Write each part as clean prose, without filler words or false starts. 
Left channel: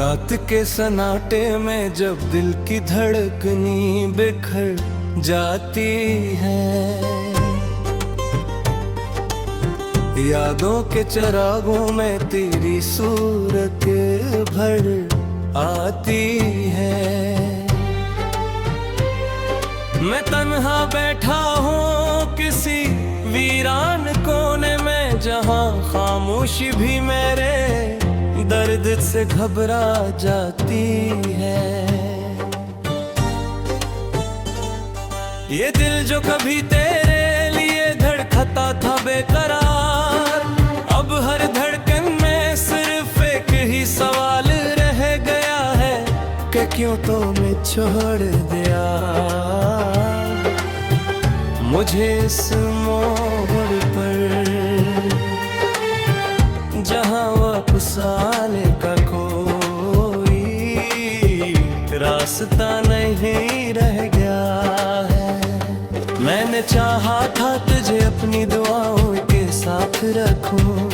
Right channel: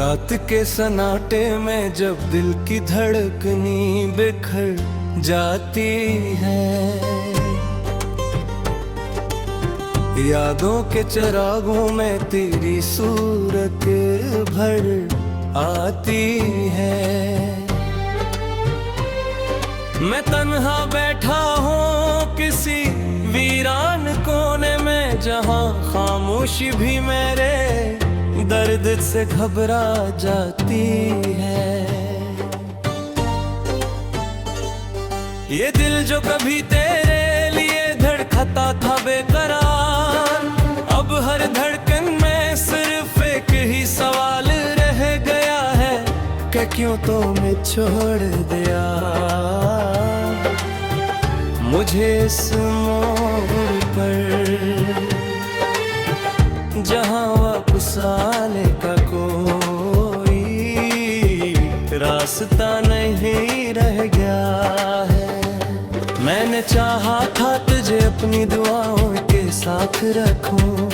रात के सन्नाटे में जब दिल की धड़कनी बिखर जाती है, यादों के चिरागों में तेरी सूरत भर आती है। मैं तन्हा बैठा हूँ किसी वीरान कोने में, जहाँ खामोशी भी मेरे दर्द से घबरा जाती है। ये दिल जो कभी तेरे लिए धड़कता था बेकरार, अब हर धड़कन में सिर्फ एक ही सवाल रह गया है कि क्यों तो मैं छोड़ दिया मुझे इस मोड़ पर, जहाँ वापस आने का कोई रास्ता नहीं रह गया है। मैंने चाहा था तुझे अपनी दुआओं के साथ रखूं,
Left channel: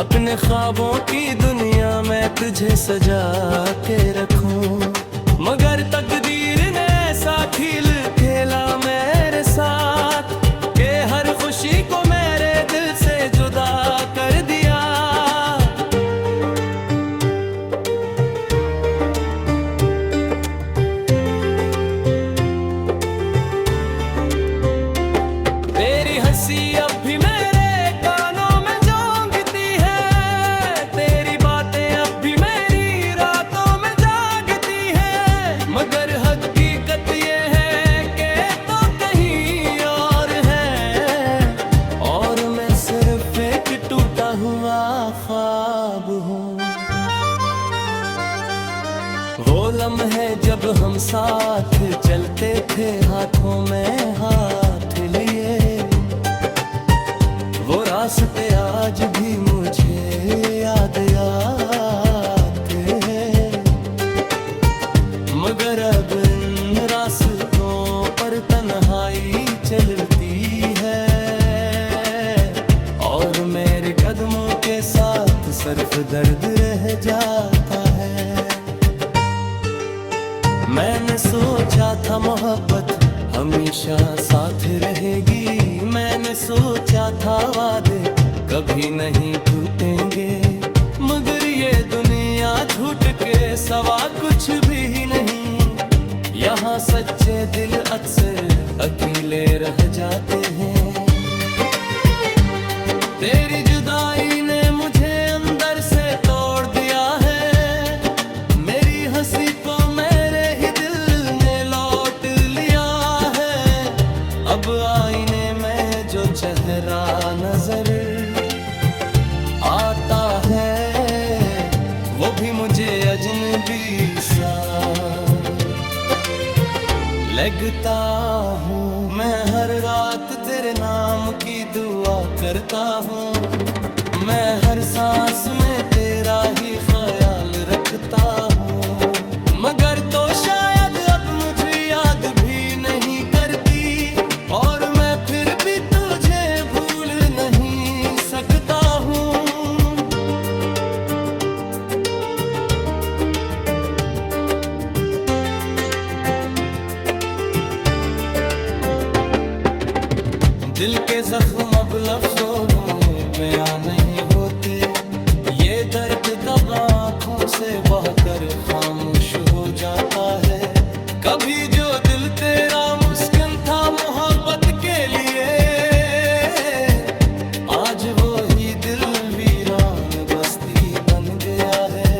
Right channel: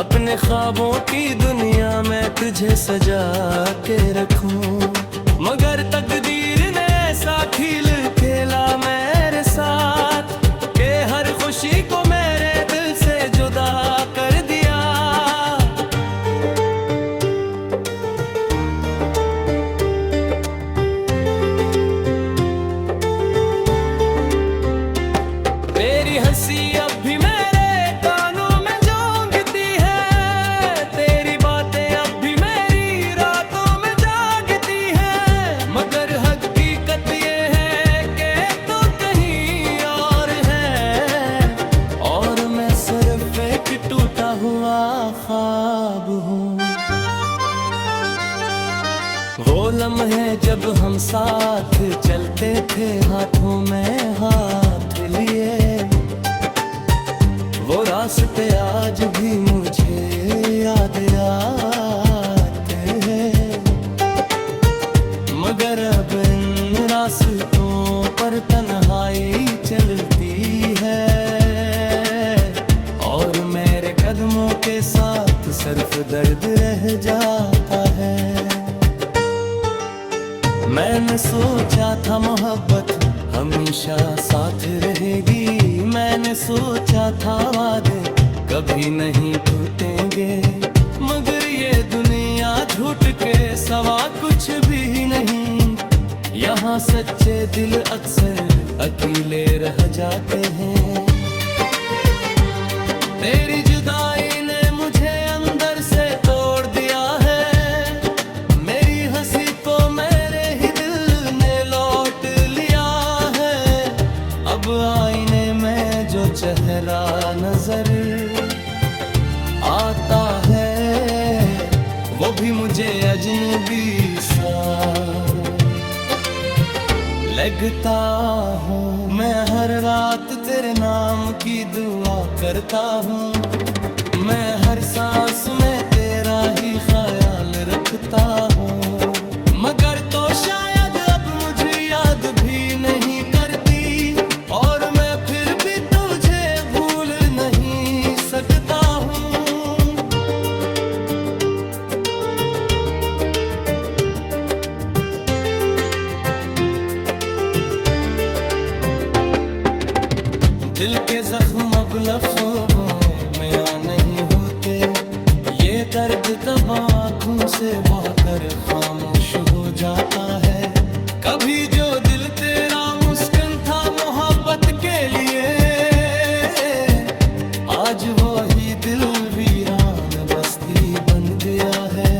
अपने ख्वाबों की दुनिया में तुझे सजा के रखूं, मगर तकदीर ने ऐसा खेल खेला मेरे साथ कि हर खुशी को मेरे दिल से जुदा कर दिया। तेरी हंसी अब भी मेरे कानों में जोंगती है, तेरी बातें अब भी मेरी रातों में जागती है, मगर हकीकत ये है कि तो कहीं और है, और मैं सिर्फ एक टूटा हुआ ख्वाब हूँ। वो लम्हे जब हम साथ चलते थे हाथों में हाथ लिए, वो रास्ते आज भी मुझे याद आते हैं, मगर अब इन रास्तों पर तन्हाई चलती है, और मेरे कदमों के साथ सिर्फ दर्द रह जाता है। मैंने सोचा था मोहब्बत हमेशा साथ रहेगी, मैंने सोचा था वादे कभी नहीं टूटेंगे, मगर ये दुनिया झूठ के सवा कुछ भी नहीं, यहाँ सच्चे दिल अक्सर अकेले रह जाते हैं। तेरी जुदाई ने मुझे अंदर से तोड़ दिया है, मेरी हंसी को मेरे ही दिल ने लौट लिया है, अब आईने में जो चेहरा नजर आता है वो भी मुझे अजनबी सा लगता हूँ। मैं हर रात तेरे नाम की दुआ करता हूँ, मैं हर सांस में तेरा ही ख्याल रखता हूँ, मगर तो शायद अब मुझे याद भी नहीं करती, और मैं फिर भी तुझे भूल नहीं सकता हूँ। दिल के जख्म अब लफ्ज़ों में बयां नहीं होते, ये दर्द दबा आँखों से बहकर खामोश हो जाता है। कभी जो दिल तेरा मुस्किन था मोहब्बत के लिए, आज वो ही दिल वीरान बस्ती बन गया है।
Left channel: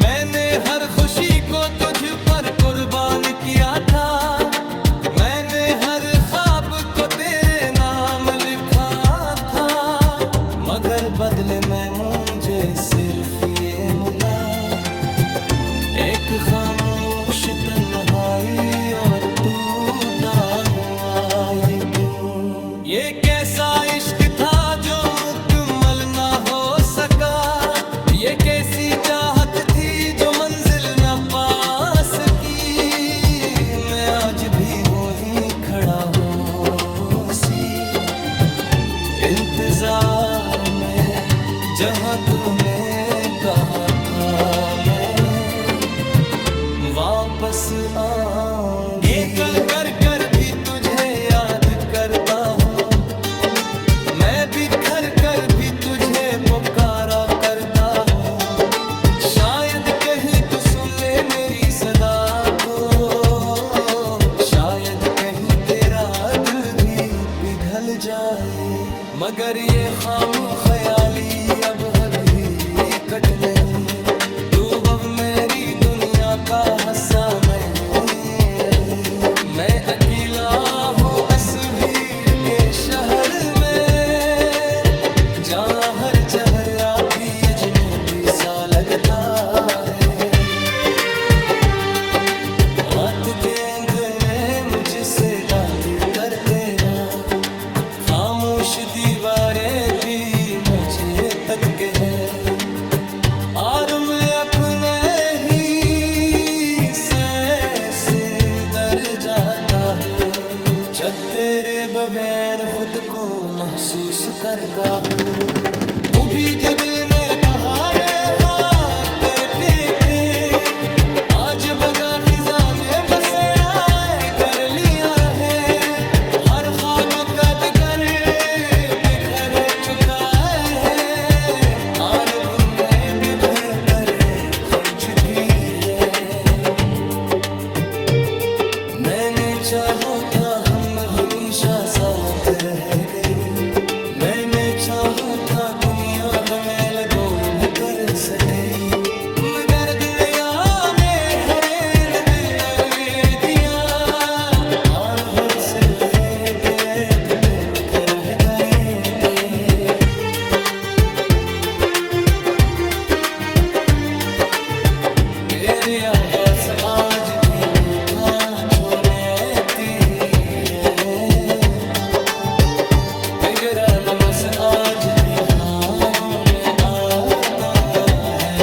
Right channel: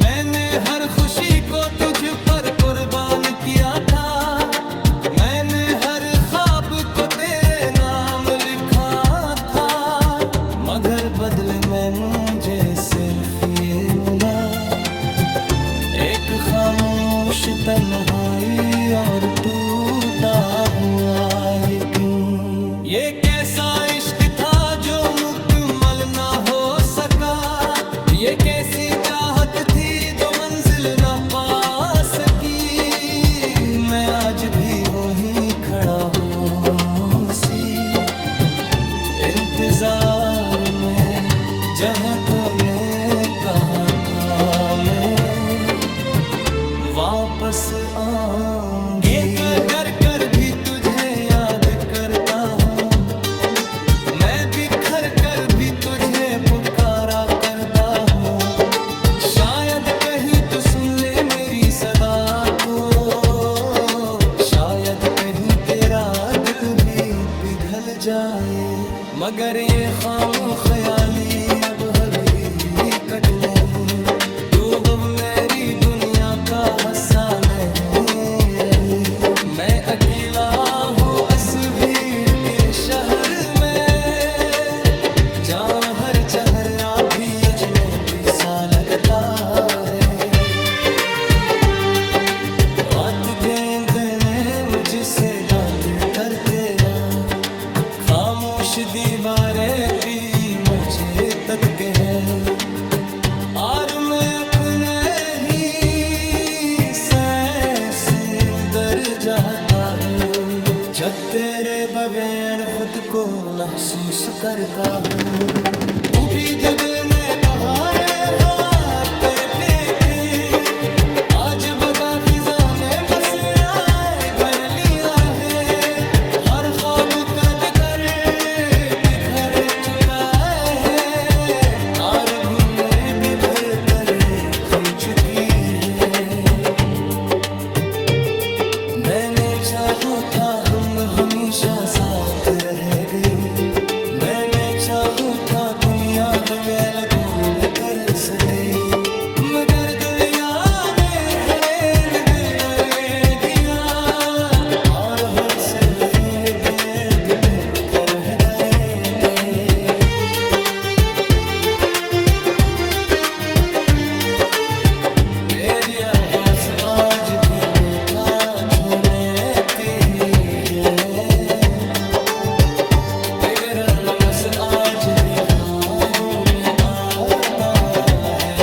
मैंने हर खुशी को तुझ पर कुर्बान किया था, मैंने हर ख्वाब को तेरे नाम लिखा था, मगर बदले में मुझे सिर्फ ये मिला, एक खामोश तन्हाई और टूटा हुआ ये दिल। ये कैसा इश्क था जो मुकम्मल ना हो सका, ये कैसी चाहत थी जो मंजिल न पा सकी, मैं आज भी वहीं खड़ा हूँ सी इंतजार में, जहाँ तूने कहा था मैं वापस आऊंगी। कर कर कर भी तुझे याद करता हूँ, मैं बिखर कर भी तुझे पुकारा करता हूँ। शायद कहीं तू सुन ले मेरी सदा को, शायद कहीं तेरा दिल भी पिघल जाए। मगर ये खाम ख्याली अब हकीकत नहीं, तू अब मेरी दुनिया का हिस्सा नहीं रही। मैं अकेला हूँ इस भीड़ के शहर में, जहाँ हर चेहरा भी अजनबी सा लगता है। रात गेंद में मुझसे बात करते हैं, खामोश दीवारें भी मुझे तक के हैं। और मैं अपने ही से डर जाता हूँ, जब तेरे बगैर खुद को महसूस करता हूँ। तू भी जो दिन पहाड़े हाथ करके थे, आज बगा फिजा ने बसेरा कर लिया है। हर ख्वाब कद कर बिखर चुका है, और बुनने बिखर कर खम चुकी है। मैंने चाहो था हम हमेशा साथ रह गई, मैंने चाहो था दुनिया में मैल गोल कर सके। मगर दिलिया ने हरेन दिल कर दिया, और हर से दिल कर रह गए दे। तेरी आवाज़ आज भी मीठा छोड़ती है, तेरा नमस आज भी ख्वाबों में आता है।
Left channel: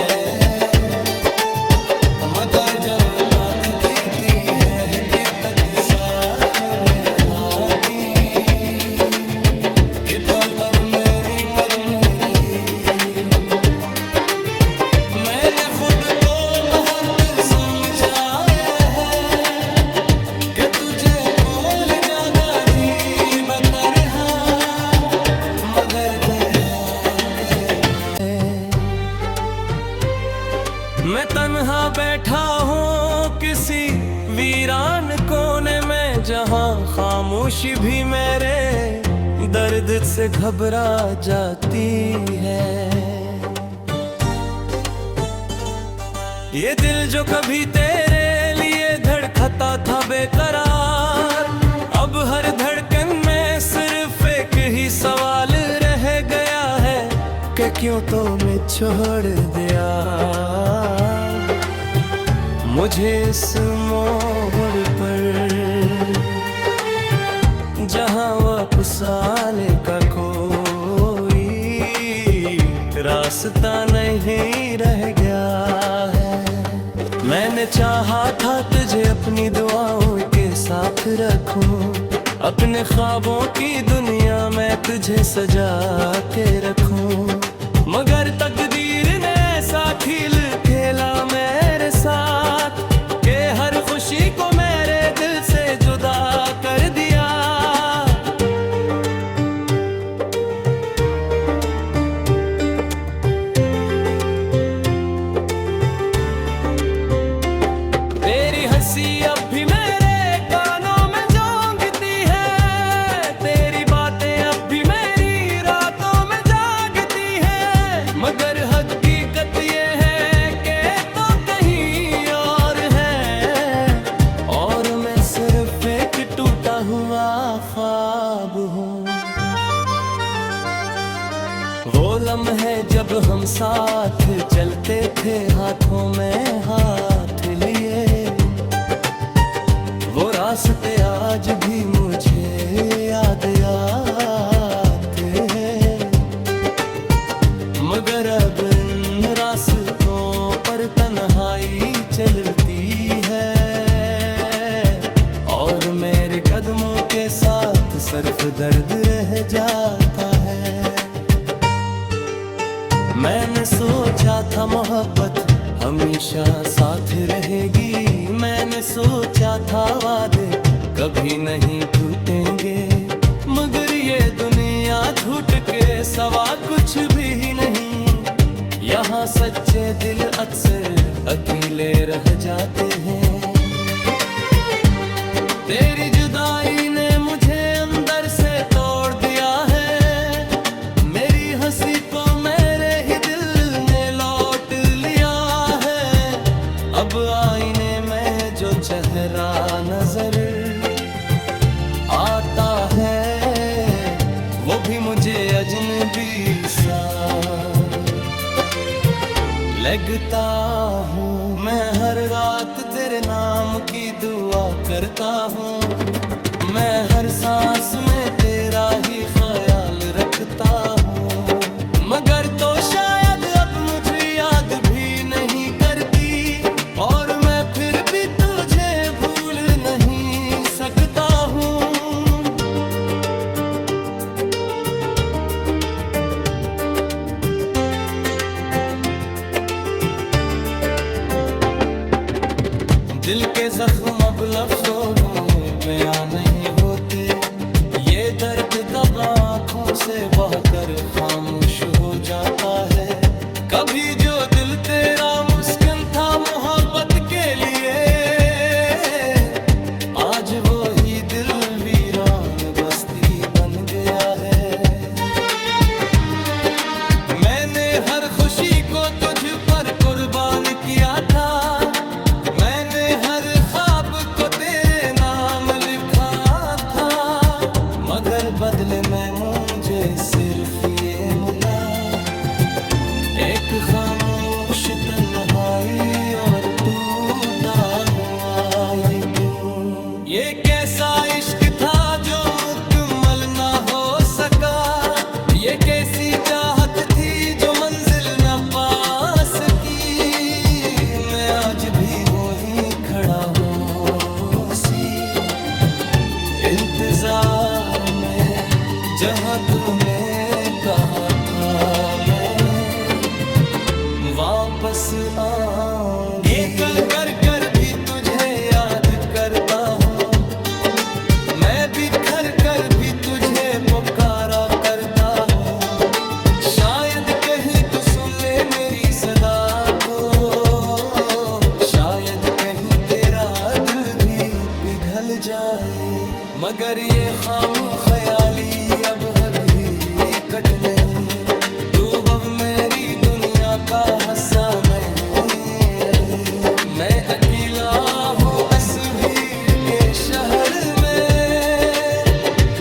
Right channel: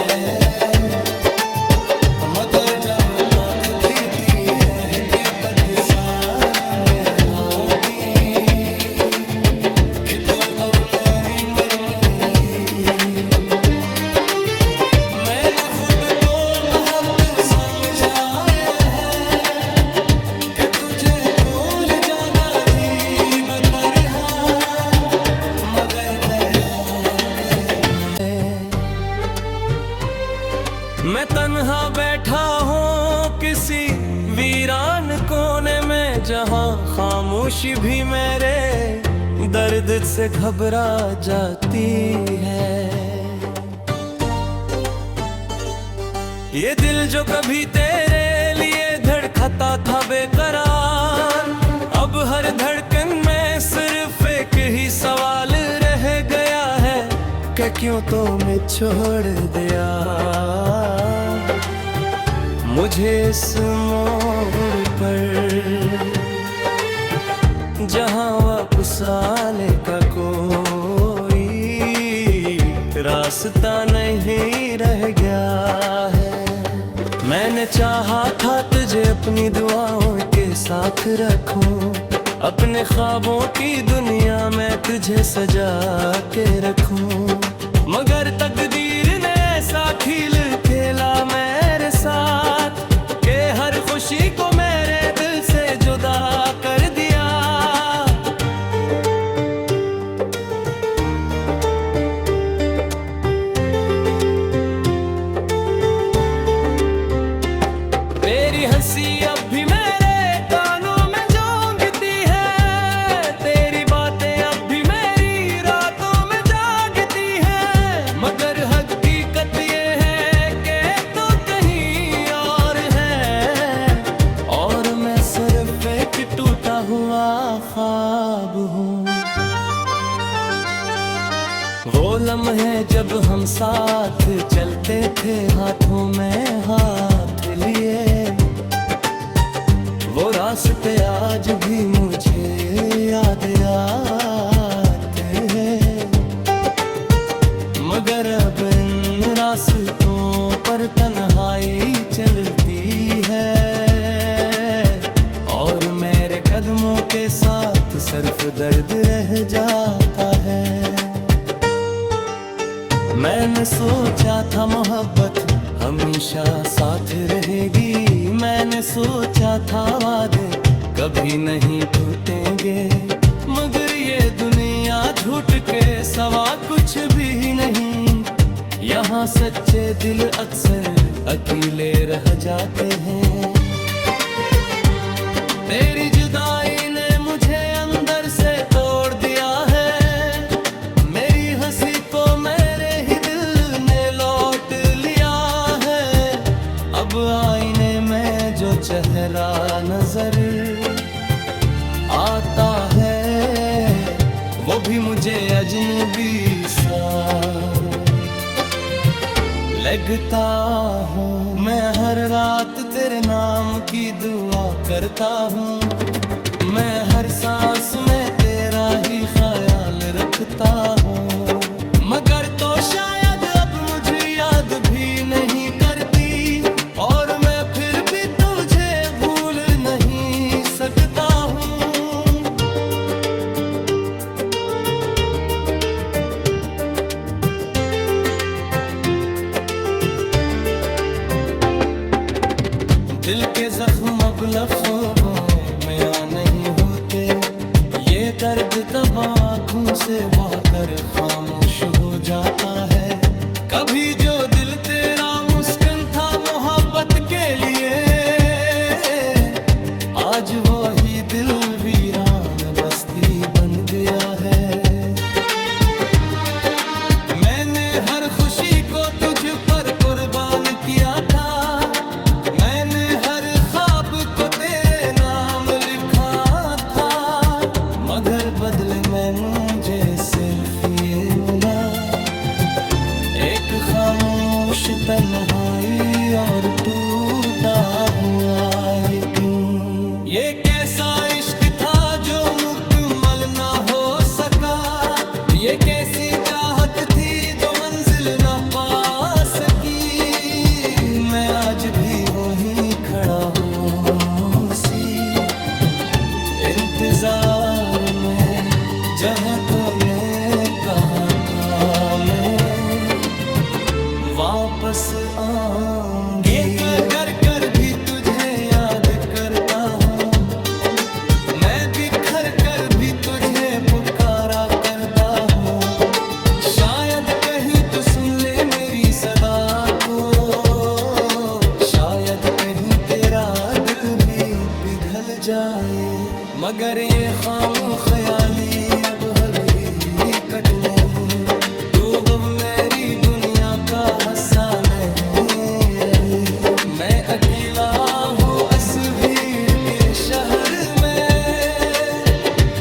मगर जब आँख गिरती है तक सामने आती, कि तो अब मेरी मरी रही। मैंने खुद को अहद समझाया है, कि तुझे कोल ज्यादा जी बतरहा, मगर दरहात मैं तन्हा बैठा हूँ किसी वीरान कोने में, जहाँ खामोशी भी मेरे दर्द से घबरा जाती है। ये दिल जो कभी तेरे लिए धड़कता था बेकरार, अब हर धड़कन में सिर्फ एक ही सवाल रह गया है, कि क्यों तो मैं छोड़ दिया मुझे इस मोड़ पर, जहाँ वापस आने का कोई रास्ता नहीं रह गया है। मैंने चाहा था तुझे अपनी दुआओं के साथ रखूं, अपने ख्वाबों की दुनिया में तुझे सजा के रखूं। मगर तकदीर ने ऐसा खेल खेला मेरे साथ, कि हर खुशी को मेरे दिल से जुदा कर दिया। तेरी हंसी अब भी मेरे कानों में जोंगती है, तेरी बातें अब भी मेरी रातों में जागती है। मगर हकीकत ये है कि तो कहीं और है, और मैं सिर्फ एक टूटा हुआ ख्वाब हूँ। वो लम्हे जब हम साथ चलते थे हाथों में हाथ लिए, वो रास्ते आज भी मुझे याद आते हैं। मगर अब इन रास्तों पर तन्हाई चलती है, और मेरे कदमों के साथ सिर्फ दर्द रह जाता है। मैंने सोचा था मोहब्बत हमेशा साथ रहेगी, मैंने सोचा था वादे कभी नहीं टूटेंगे, मगर ये दुनिया झूठ के सवा कुछ भी नहीं। यहाँ सच्चे दिल अक्सर अकेले रह जाते हैं। तेरी जुदाई ने मुझे अंदर से तोड़ दिया है, मेरी हंसी को मेरे ही दिल ने लौट लिया है। अब आईने में जो चेहरा नजर आता है वो भी मुझे अजनबी सा लगता हूँ। मैं हर रात तेरे नाम की दुआ करता हूँ, मैं हर सांस में तेरा ही ख्याल रखता हूँ, मगर तो शायद अब मुझे याद भी नहीं करती, और मैं फिर भी तुझे भूल नहीं सकता हूँ। दिल के जख्म अब लफ्ज़ों में बयां नहीं होते, ये दर्द दबा आँखों से बहकर खामोश हो जाता है। कभी जो दिल तेरा मुस्किन था मोहब्बत के लिए, आज वो ही दिल वीरान बस्ती बन गया है। मैंने हर खुशी को तुझ पर कुर्बान किया था, मैंने हर ख्वाब को तेरे नाम लिखा था, मगर बदले में मुझे सिर्फ ये मिला, एक खामोश तन्हाई और टूटा हुआ यकीन। ये कैसा इश्क था जो मुकम्मल ना हो सका, ये कैसी चाहत थी जो मंजिल न पा सकी। मैं आज भी वहीं खड़ा हूँ सी इंतजार में, जहाँ तूने कहा था मैं वापस आऊंगी। ये कर कर भी तुझे याद करता हूँ, मैं बिखर कर भी तुझे पुकारा करता हूँ, शायद कहीं तू सुन ले मेरी सदा को, शायद कहीं तेरा दिल भी पिघल जाए, मगर ये खाम ख्याली अब हद कट नहीं। तू अब मेरी दुनिया का हिस्सा नहीं रही, मैं अकेला हूँ इस भीड़ के शहर में,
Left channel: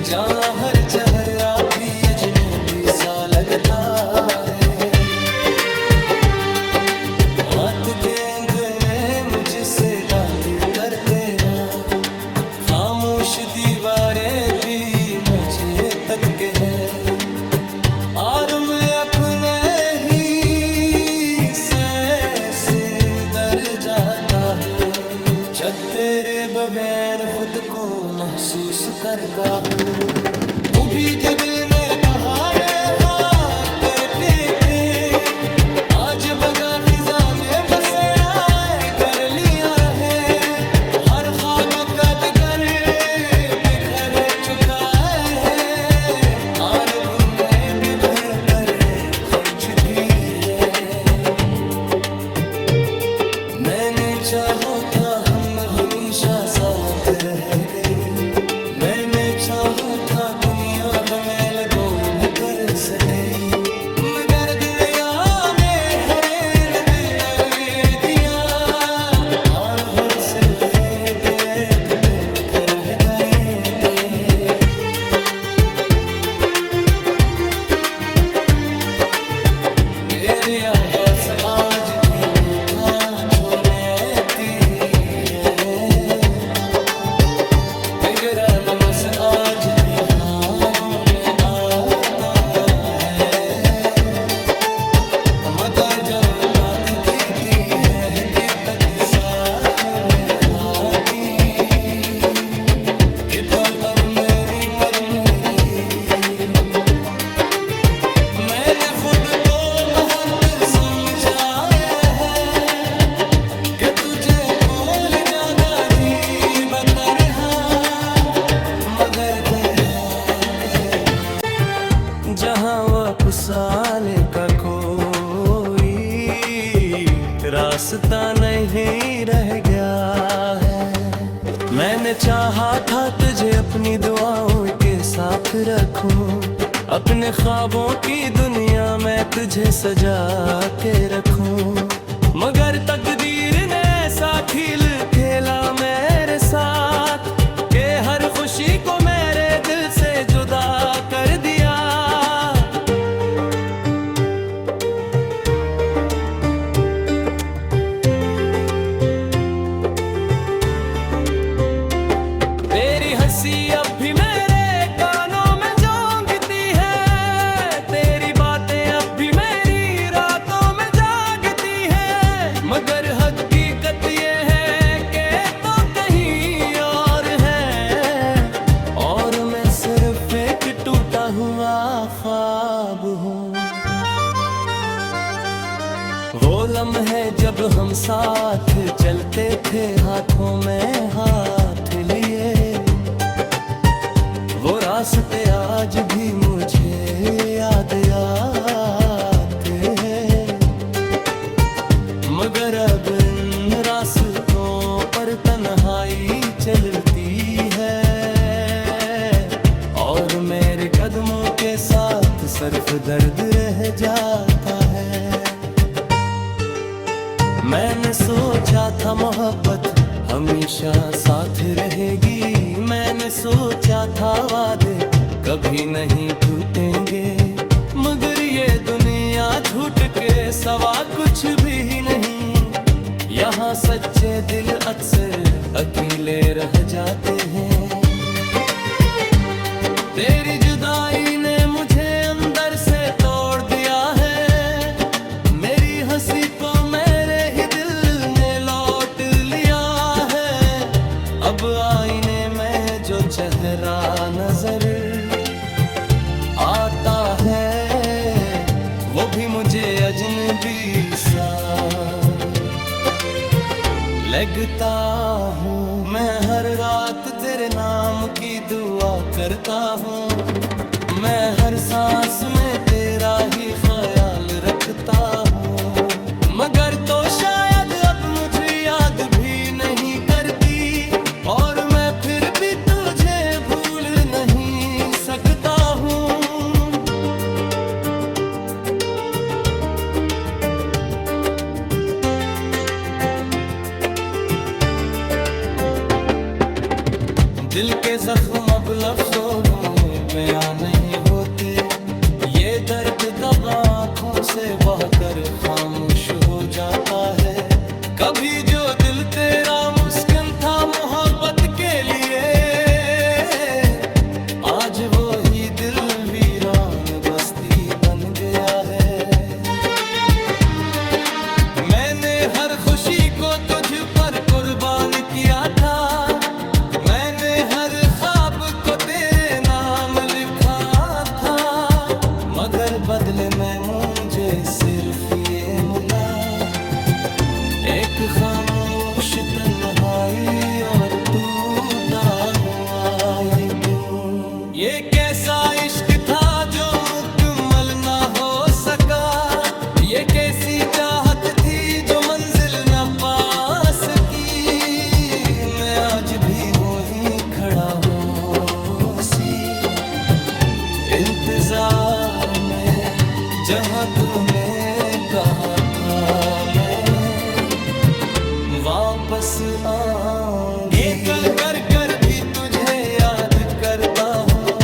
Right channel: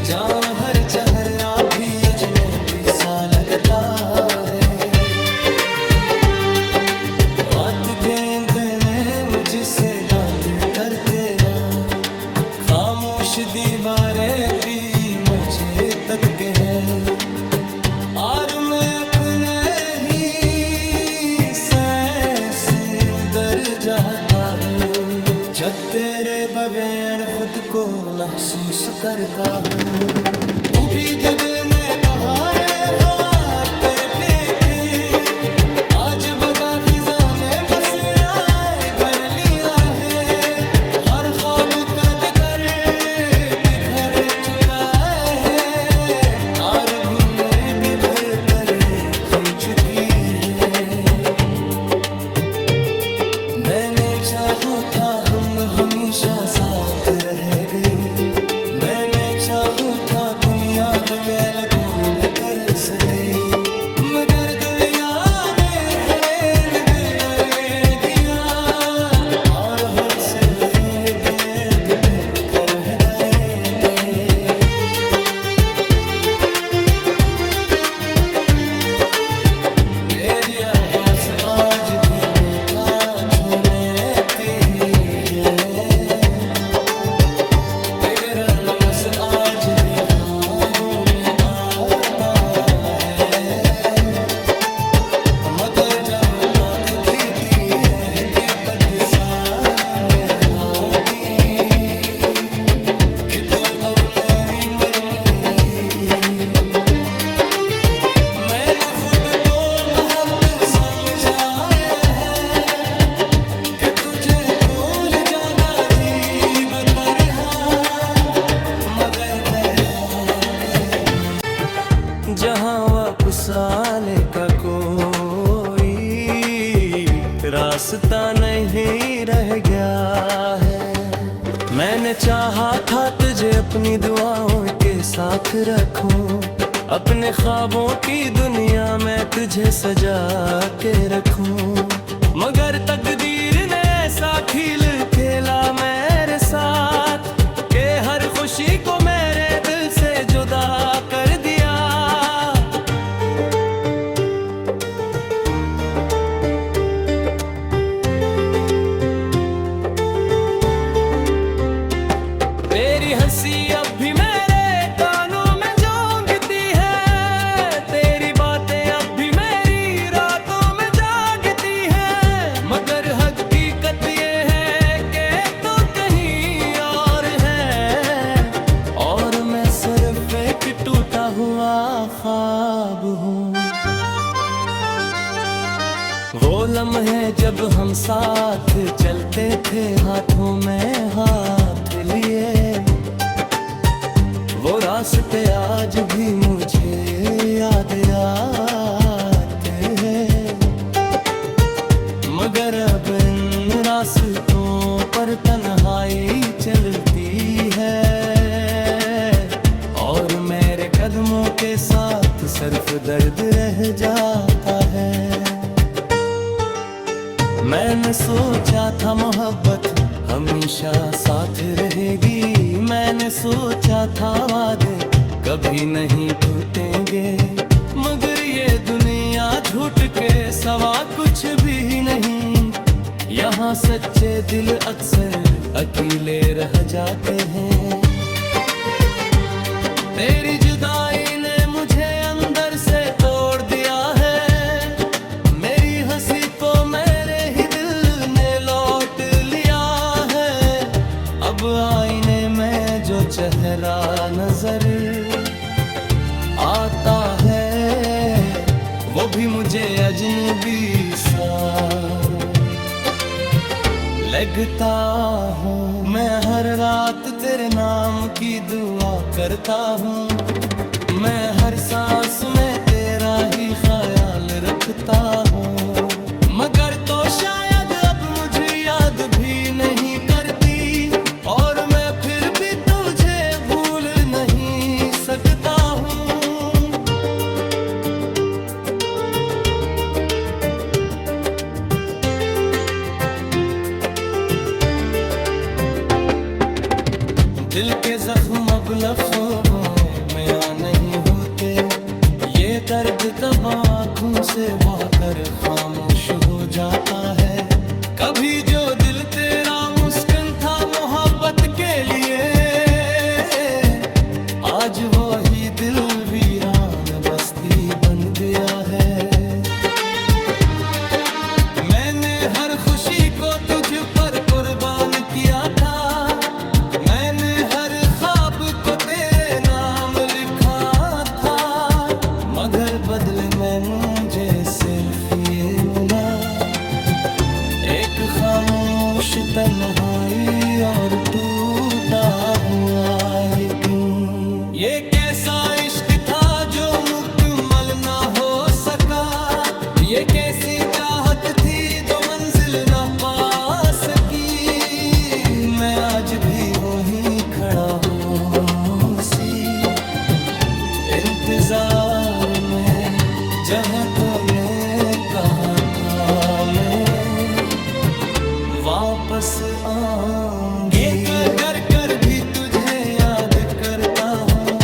जहाँ हर चेहरा भी अजनबी सा लगता है। बात गेंद ने मुझसे बात करते हैं, खामोश दीवारें भी मुझे तक के हैं, और मैं अपने ही से दर जाता हूँ, जब तेरे बगैर खुद को महसूस करता हूँ। तू भी जो दिल ने कहा रे बात करते थे, आज बगा फिजा ने बसेरा कर लिया है, हर ख्वाब कद कर बिखर चुका है, और बुने बिखर कर खल चुकी है। मैंने चाहो था हम हमेशा साथ रह गई, मैंने चाहो था दुनिया मेल गोल कर सके, मगर दुनिया ने हरेन दिल दे दिया, और हर से दिल कर गए दे। तेरी आवाज़ आज भी मीठा छोड़ती है, बगैर लम्स आज भी ख्वाबों में आता है, मगर जो तक पीती है कद सामने आती, कि तो अब मेरी मरी रही। मैंने खुद को हर मैं कोल जागा जी बतरहा मगर दरहात जहाँ वापस आने का कोई रास्ता नहीं रह गया है। मैंने चाहा था तुझे अपनी दुआओं के साथ रखूं, अपने ख्वाबों की दुनिया में तुझे सजा के रखूं, मगर तकदीर ने ऐसा खेल खेला मेरे साथ कि हर खुशी को मेरे दिल से जुदा कर दिया। तेरी हंसी अब भी मेरे कानों में जोंगती है, तेरी बातें अब भी मेरी रातों में जागती है, मगर हकीकत ये है कि तो कहीं और है और मैं सिर्फ एक टूटा हुआ ख्वाब हूँ। वो लम्हे जब हम साथ चलते थे हाथों में हाथ लिए, वो रास्ते आज भी मुझे याद आते हैं, मगर अब इन रास्तों पर तन्हाई चलती है और मेरे कदमों के साथ सिर्फ दर्द रह जाता है। मैंने सोचा था मोहब्बत हमेशा साथ रहेगी, मैंने सोचा था वादे कभी नहीं टूटेंगे, मगर ये दुनिया झूठ के सवा कुछ भी नहीं। यहाँ सच्चे दिल अक्सर अकेले रह जाते हैं। तेरी जुदाई ने मुझे अंदर से तोड़ दिया है, मेरी हंसी को मेरे ही दिल ने लौट लिया है। अब आईने में जो चेहरा नजर आता है वो भी मुझे अजनबी सा लगता हूँ। मैं हर रात तेरे नाम की दुआ करता हूँ, मैं हर सांस में तेरा ही ख्याल रखता हूँ, मगर तो शायद अब मुझे याद भी नहीं करती और मैं फिर भी तुझे भूल नहीं सकता हूँ। दिल के जख्म अब लफ्ज़ों में बयां नहीं होते, ये दर्द दबा आँखों से बहकर खामोश हो जाता है। कभी जो दिल तेरा मुस्किन था मोहब्बत के लिए, आज वो ही दिल वीरान बस्ती बन गया है। मैंने हर खुशी को तुझ पर कुर्बान किया था, मैंने हर ख्वाब को तेरे नाम लिखा था, मगर बदले में मुझे सिर्फ ये मिला, एक खामोश तन्हाई और टूटा हुआ ये दिल। ये कैसा इश्क था जो मुकम्मल ना हो सका, ये कैसी चाहत थी जो मंजिल न पा सकी। मैं आज भी वहीं खड़ा हूँ सी इंतजार में, जहाँ तूने कहा था मैं वापस आऊंगी। ये कर कर भी तुझे याद करता हूँ,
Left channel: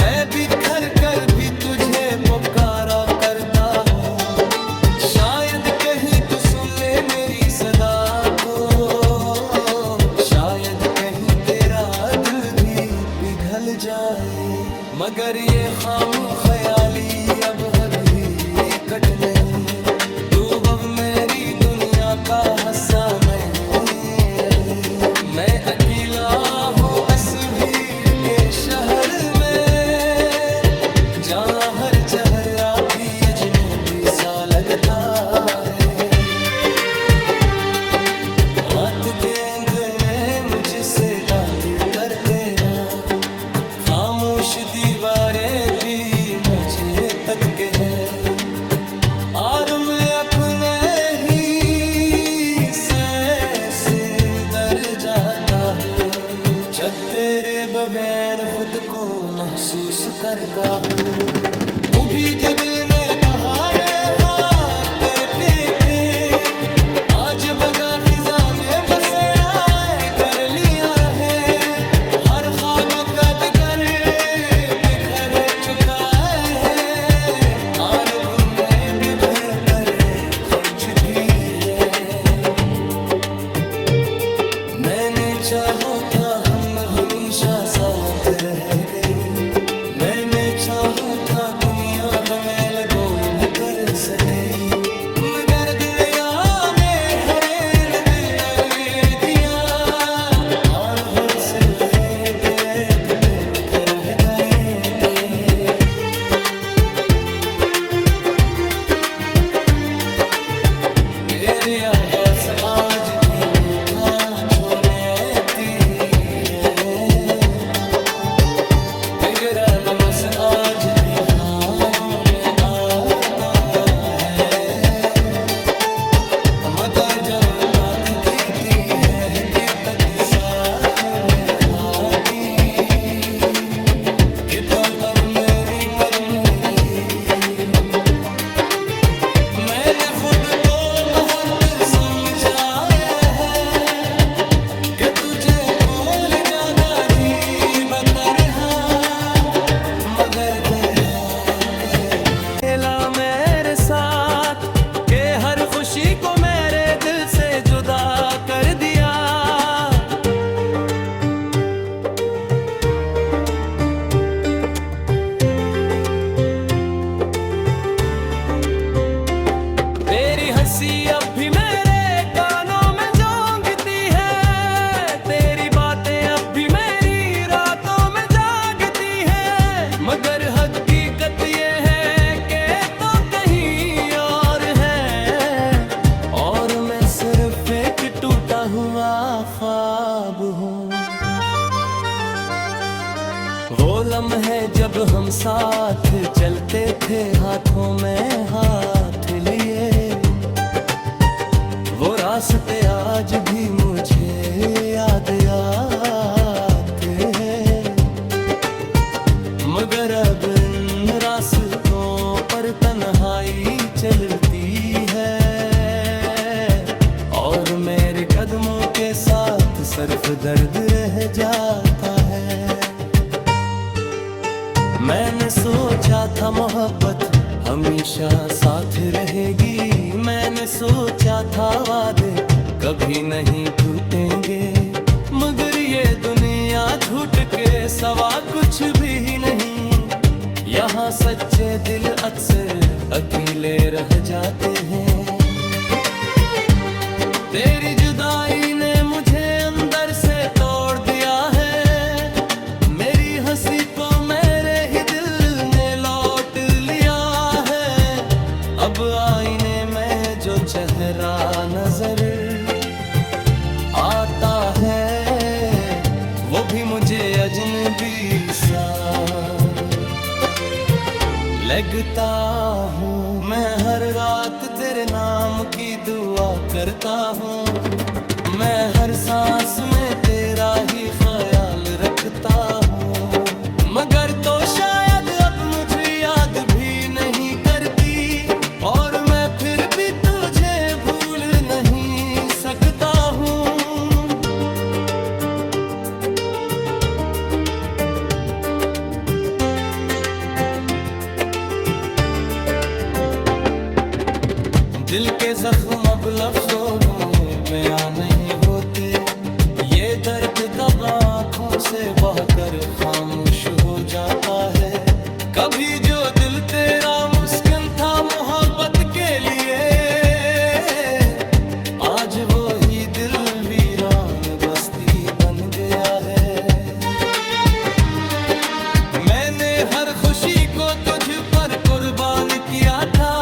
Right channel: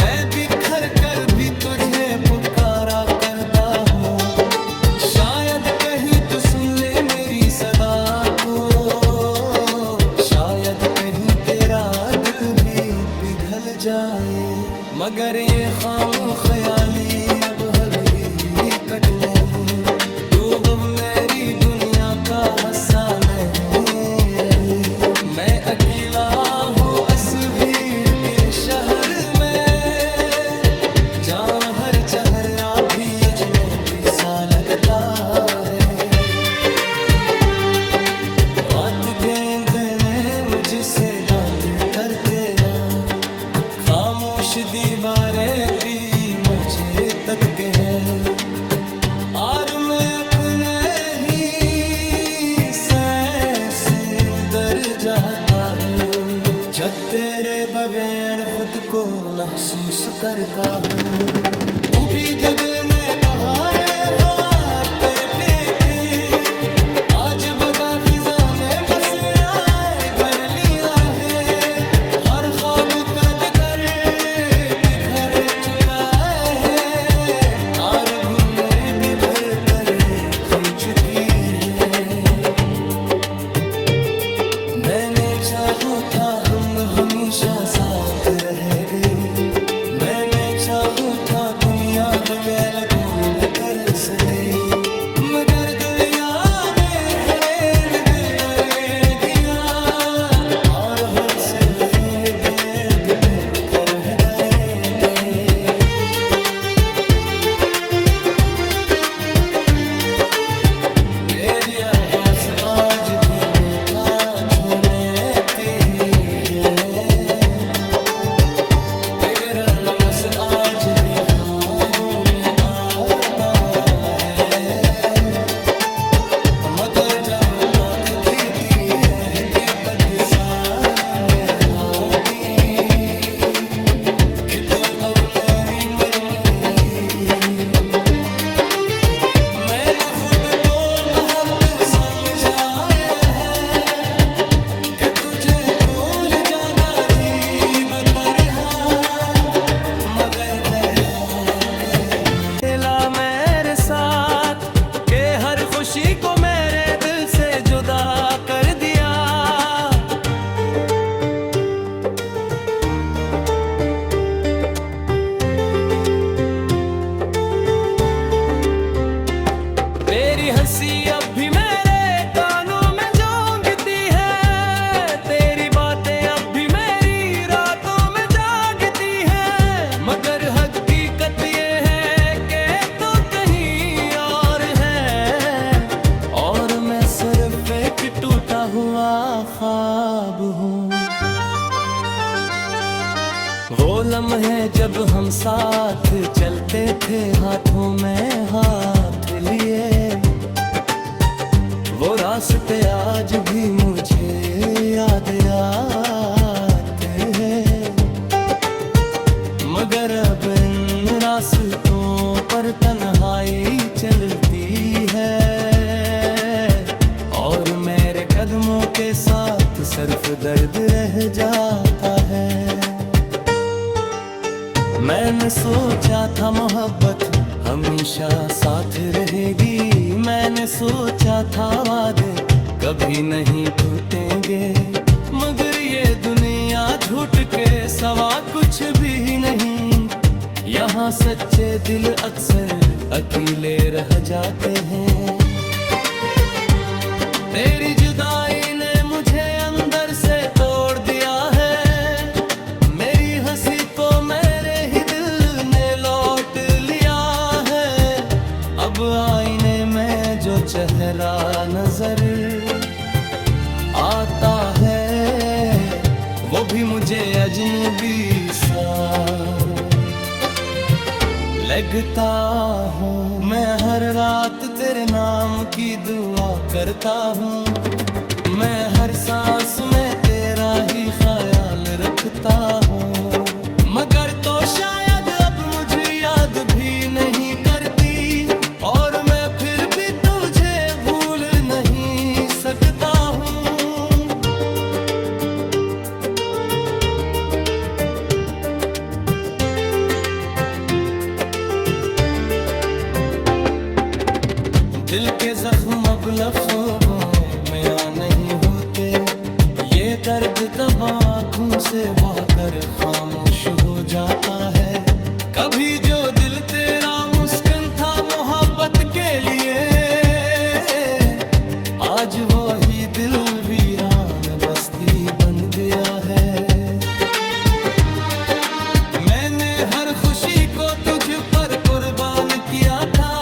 मैं बिखर कर भी तुझे पुकारा करता हूँ, शायद कहीं तू सुन ले मेरी सदा को, शायद कहीं तेरा दिल भी पिघल जाए, मगर ये खाम ख्याली अब हकीकत नहीं। तू अब मेरी दुनिया का हिस्सा नहीं रही, मैं अकेला हूँ इस भीड़ के शहर में, जहाँ हर चेहरा भी अजनबी सा लगता है। बात गेंद ने मुझसे बात करते हैं, खामोश दीवारें भी मुझे तक के है। और मैं अपने ही से डर जाता हूँ, जब तेरे बगैर खुद को महसूस करता हूँ। कभी जग ने कहा रे हाँ करके के, आज बगा फिजा ने बसेरा कर लिया है। हर ख्वाब का डगर बिखर चुका है, और बुने बिखर कर खल चुकी है। मैंने चाहो था हम हमेशा साथ रह गई, मैंने चाहो था दुनिया मेल गोल कर सके, मगर दुनिया ने हरेन दिल करे दिया, और हर से दिल कर गए दे। तेरी आवाज़ आज भी मीठा छोड़ती है, बिगड़ल मस आज भी ख्वाबों में आता है। मगर जब तक फिरती है दिक्कत सामने आती, कि तो अब मेरी मरी रही। मैंने खुद को अहद समझाया है, कि तुझे कोल ज्यादा जी बतरहा, मगर दरहात मिला मेरे साथ, के हर खुशी को मेरे दिल से जुदा कर दिया। तेरी हंसी अब भी मेरे कानों में जोंगती है, तेरी बातें अब भी मेरी रातों में जागती है। मगर हकीकत ये है कि तो कहीं और है, और मैं सिर्फ एक टूटा हुआ ख्वाब हूँ। वो लम्हे जब हम साथ चलते थे हाथों में हाथ लिए, वो रास्ते आज भी मुझे याद आते हैं। मगर अब इन रास्तों पर तन्हाई चलती है, और मेरे कदमों के साथ सिर्फ दर्द रह जाता है। मैंने सोचा था मोहब्बत हमेशा साथ रहेगी, मैंने सोचा था वादे कभी नहीं टूटेंगे, मगर ये दुनिया झूठ के सवा कुछ भी नहीं। यहाँ सच्चे दिल अक्सर अकेले रह जाते हैं। तेरी जुदाई ने मुझे अंदर से तोड़ दिया है, मेरी हंसी को मेरे ही दिल ने लौट लिया है। अब आईने में जो चेहरा नजर आता है, वो भी मुझे अजनबी सा लगता हूँ। मैं हर रात तेरे नाम की दुआ करता हूँ, मैं हर सांस में तेरा ही ख्याल रखता हूँ। मगर तो शायद अब मुझे याद भी नहीं करती, और मैं फिर भी तुझे भूल नहीं सकता हूँ। दिल के जख्म अब लफ्ज़ों में बयां नहीं होते, ये दर्द दबा आँखों से बहकर खामोश हो जाता है। कभी जो दिल तेरा मुस्किन था मोहब्बत के लिए, आज वो ही दिल वीरान बस्ती बन गया है। मैंने हर खुशी को तुझ पर कुर्बान किया था,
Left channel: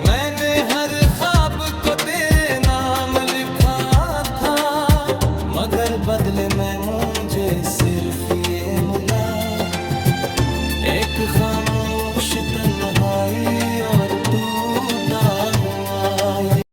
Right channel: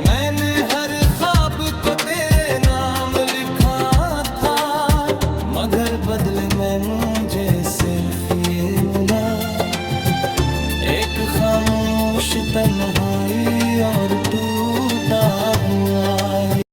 मैंने हर ख्वाब को तेरे नाम लिखा था। मगर बदले में मुझे सिर्फ ये मिला, एक खामोश तन्हाई और टूटा हुआ